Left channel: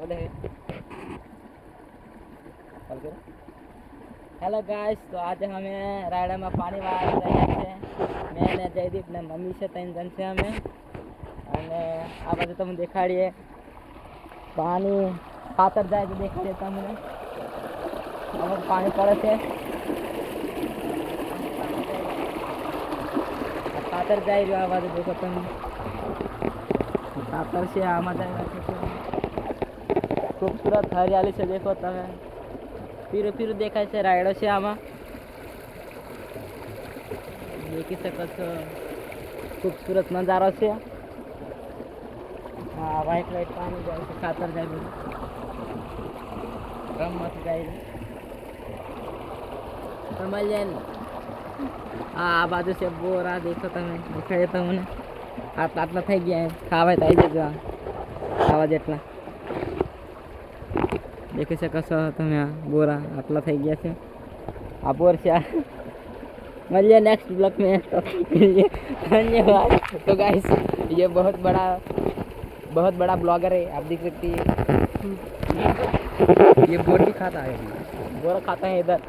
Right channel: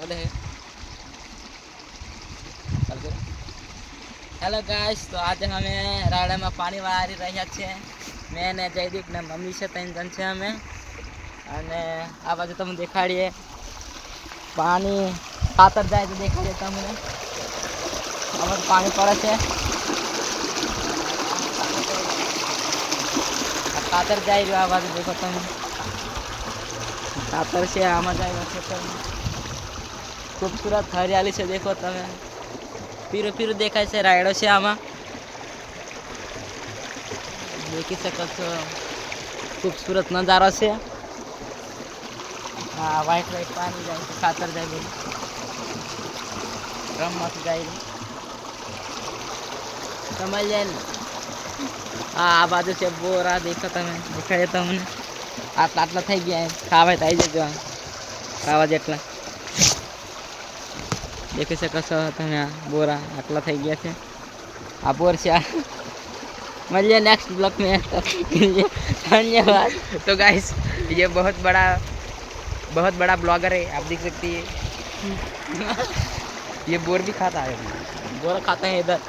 बोले hello guys, તો આજે અમે રાયડામાં પાણી વાળી રહ્યા છે. મેં ને જયદીપ ને મમ્મી છે, 3 જણ છે અમે. અને આ બાજુ તમને દેખાડીએ પાણી ખાતર જાય તો દેખાડીએ તમને. આમાં પાણી પડે છે. આ ખાતર જાય રહ્યું, આ બાજુ દેખો તમે. ખાતર છે આમાં જાય છે. खूबसूरत हरियाली से देखो તમે. पीरो पीरो देखाय છે, રાયડો છે આમાં. દેખી શકો છો, खूबसूरत नजारा છે. હા, વ્હાઈટ વ્હાઈટ પાણી જાય છે, ખાતર જાય બધું ડ્રમમાંથી જાય સમજ્યા ને. હા, આ બાજુ છે બોરા, દેખો તમે, દેખાડે તમને. આટલા આટલા થઈ ગયા, ખાવા તો આવી જજો. ખાવા જેટલા देख શકો છો તમે. बोरा आटला થઈ ગયા છે. આ बोर છે. मिलिए नेक्स्ट ब्लॉग में, तब तक के लिए धन्यवाद। तो गाइस, ये बहुत बड़ा ब्लॉगर है, आप देख सकती है। ये बोर भी खाता है, बोर खाता है इधर।